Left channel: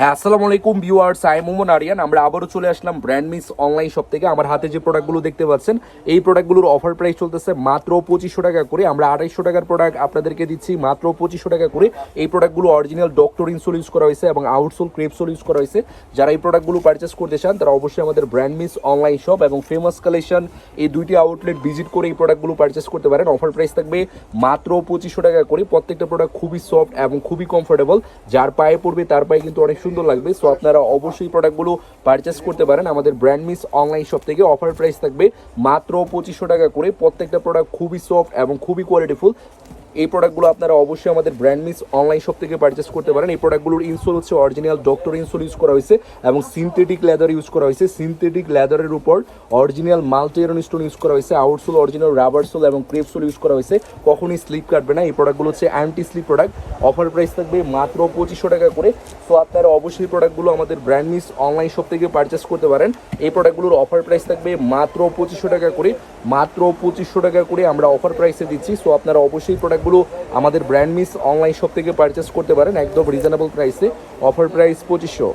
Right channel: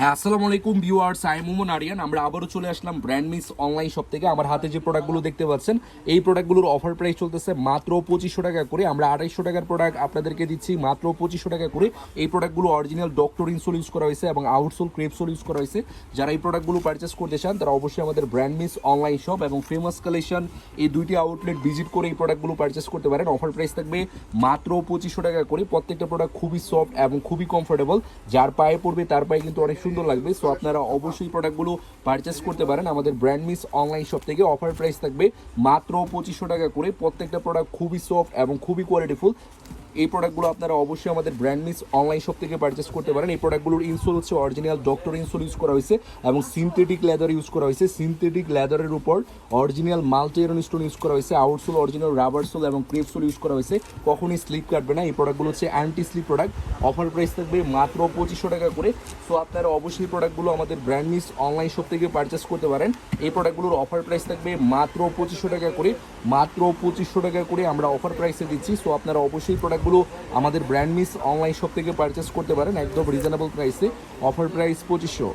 হ্যাঁ, আসসালামু আলাইকুম ভিউয়ার্স, আমি মোমন আরিয়ান। আমরা আবারও চলে আসলাম ব্র্যান্ড মিস অনলাইন শপ থেকে। আমার হাতে যে প্রোডাক্টগুলো দেখতে পাচ্ছেন, এই প্রোডাক্টগুলোর অফার প্রাইস চলতেছে মাত্র 2500 টাকা করে। আমরা 2800 টাকার প্রোডাক্ট আপনাদেরকে দিচ্ছি মাত্র 2500 টাকা করে। এই প্রোডাক্টগুলো অরিজিনাল ডক্টর ইনসোল ইউজ করা হয়েছে এবং আউটসোল ক্রেপসোল ইউজ করা হয়েছে। যারা এই প্রোডাক্টগুলো পারচেস করতে চান তারা অবশ্যই আমাদের ব্র্যান্ড মিস অনলাইন শপ এবং ফেমাস কালেকশন এই দুইটি আউটলেট ভিজিট করে এই প্রোডাক্টগুলো পারচেস করতে পারেন। অফার প্রাইস থাকবে মাত্র 2500 টাকা করে। প্রত্যেকটা প্রোডাক্ট খুবই সফট এবং খুবই কমফোর্টেবল। যার পায়ে পড়বে তার পায়ে কিন্তু অনেক সুন্দর লাগবে। সো আপনারা অবশ্যই প্রোডাক্টগুলো পারচেস করতে পারেন আমাদের ব্র্যান্ড মিস অনলাইন শপ থেকে। অফার প্রাইস থাকবে মাত্র 2500 টাকা করে। প্রত্যেকটা প্রোডাক্ট খুবই সফট এবং খুবই কোয়ালিটিফুল। এই প্রোডাক্টগুলো আপনারা অবশ্যই আমাদের ব্র্যান্ড মিস অনলাইন শপ থেকে পারচেস করতে পারেন। এই প্রোডাক্টগুলোর ইনসোল হচ্ছে অরিজিনাল ডক্টর ইনসোল ইউজ করা হয়েছে এবং সিনথেটিক লেদার ইউজ করা হয়েছে। সিনথেটিক লেদারের উপর original multi iron stone use করা হয়েছে। আউটসোল অরিজিনাল রাবার সোল এবং ক্রেপ সোল ইউজ করা হয়েছে। কখনই স্লিপ কাটবে না। এই প্রোডাক্টগুলো হচ্ছে anti slip product. Offer price থাকবে মাত্র 2500 টাকা করে। সো আপনারা অবশ্যই প্রোডাক্টগুলো আমাদের ব্র্যান্ড মিস অনলাইন শপ থেকে পারচেস করতে পারেন। এই প্রোডাক্টগুলোর অফার প্রাইস থাকবে মাত্র 2500 টাকা করে। মাত্র 2500 টাকা করে আমরা অফার প্রাইসে দিচ্ছি। সো আপনারা অবশ্যই প্রোডাক্টগুলো আমাদের ব্র্যান্ড মিস অনলাইন শপ থেকে পারচেস করতে পারেন একদম রিজনেবল প্রাইসে। Offer price 2500।